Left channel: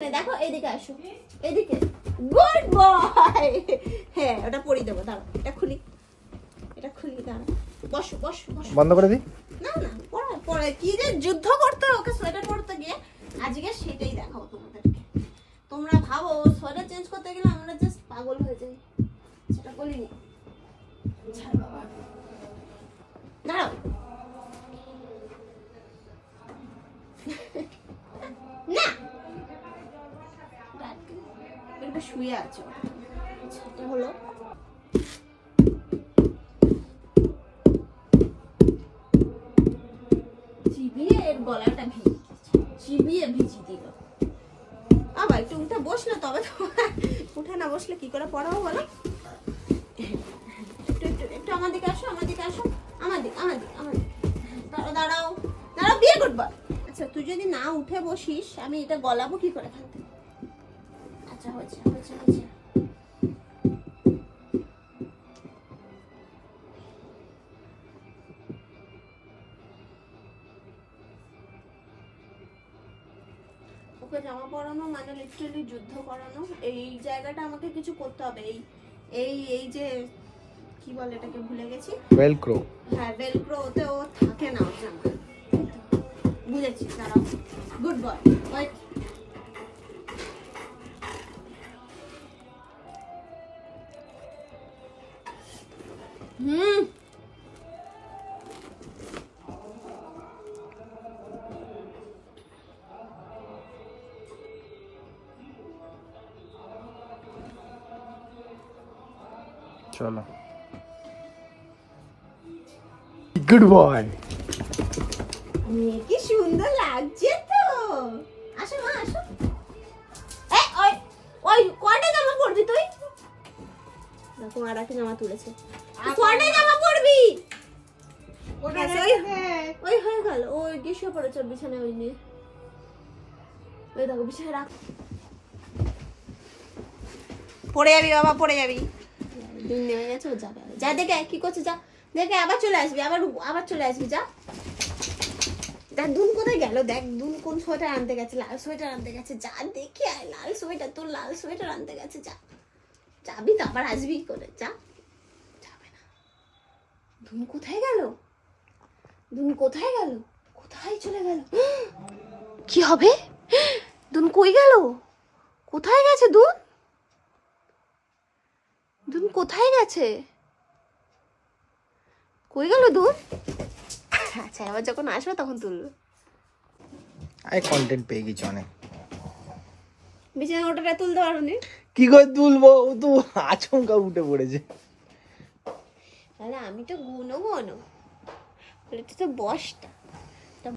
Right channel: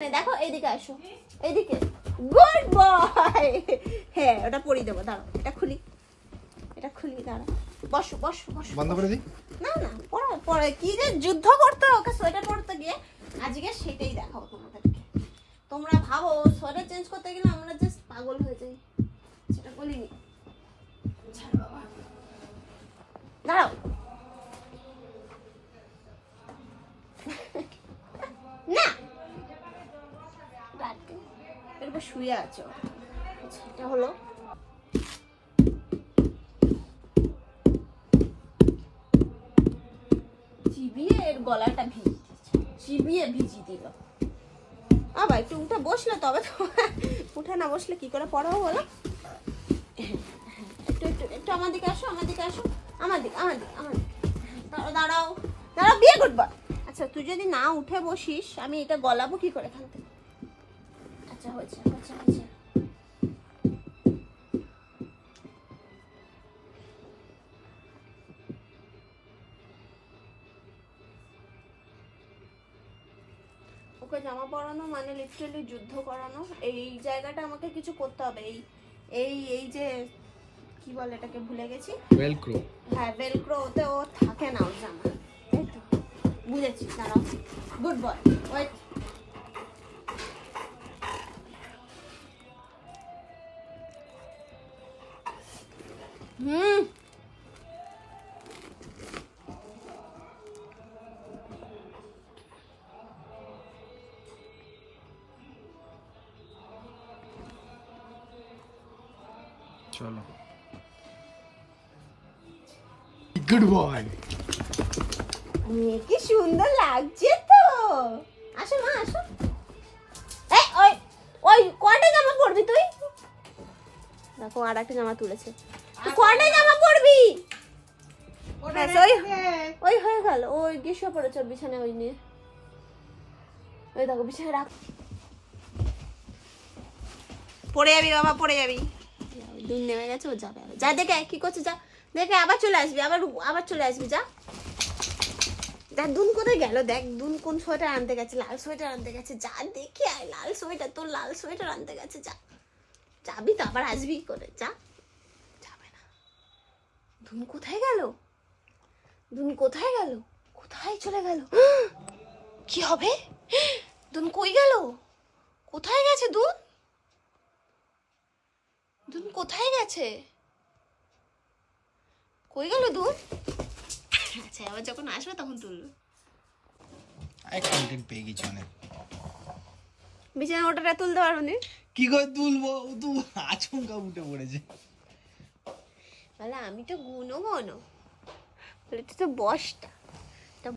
দেখো এইদিকে আসো, এইদিকে। Good boy. হ্যাঁ ওটা পরিয়ে দেবো, দাঁড়া এটা খুলি, এটা খুলি, দাঁড়া বসো বসো বসো। বন্ধ করে দিই। না না পরে পরে কি যে যুদ্ধ করতে ওকে সোয়েটার পরতে গিয়ে, আজকে সেটাই দেখাবো তোমাদেরকে। তোমরা ভাবো সোয়েটার চেঞ্জ করতে গেলে আমরা জাস্ট পাগল হয়ে যাই, সেটা বলিনি। দাঁড়াও না, এরপর শুয়ে আছো, এটা হলো চিবিয়ে এর গলাটা ভিজিয়ে চিবিয়ে ভিজিয়ে দিল। আবার একটু উঠে বসলে তবে তো, উঠে না বসলে কি করে পড়াবো বলো। একটু একটু একটু আমার দিকে আসো, আমার দিকে আসো, আমার দিকে আমার দিকে আমার দিকে। দাঁড়াও দাঁড়াও দাঁড়াও, বিয়ে করবো। আচ্ছা তুই যদি না উঠে বসিস আমি এটা গলাবো কি করে থাকতে। আচ্ছা হয়েছে হয়েছে হয়েছে। ওকে জামা পরানো মানে লিটারালি যুদ্ধ করানো। এই জায়গাটা আমাকে কিছু করতে হবে। এই এই এই যে কি বলে এটাকে ভুলে গেছি, ভেলক্রো। হ্যাঁ ভেলক্রো, ওতে ও থাকে না ওর জামা। বুঝেছি, দাঁড়াও। Good boy. হুম চলো। Good boy. কি সুন্দর লাগছে তো। আসো মা আসো। এই ওই ওই কয়টা জামা পরবি তুই? দেখো আর একটা জামা তুলেছে। কয়টা জামা পরবি? ওটা ওই হয়ে গেল। ওই গ্রীষ্ম পড়েছে বিছানায়, ওই নিয়ে ওই দেখো বিছানায় রাখ। পড়ে যাবি বাবা, পড়ে যাবি। দিন নেমে গেছে, ও যাবে। যা দেখে কি করছে, যা দেখে আবার চলে আসবি, আবার আবার চলে আসবি, যা। দেখ দুন কোথায় গেল, দেখ দুন কোন সোয়েটার আনতে গেছে, লাল সোয়েটার আনতে গেছে, যা দেখে আয়। লাল সোয়েটার, তোর লাল সোয়েটার আনতে গেছে, যা। যাবি তো আবার আসবি করে, যা। যাবে না। দুন কোথায় গেল, দুন কোথায় গেল, কোথায় চলে গেল? কি হবে? দুন কই গেল, কোথায় গেছে দুন? দুন কোথায় গেছে, কই গেল দুন? আচ্ছা আবার যখন আসবে তখন তুলবে। আই কন্টেন্ট পেয়ে গেছি অনেক। বিছানা ওটা তুলতে পারবো না। কি করে তুলবো, ও তো আচমকা উঠে পড়েছে। তাহলে আমি তো গুনো বলে তুই তো বসটা।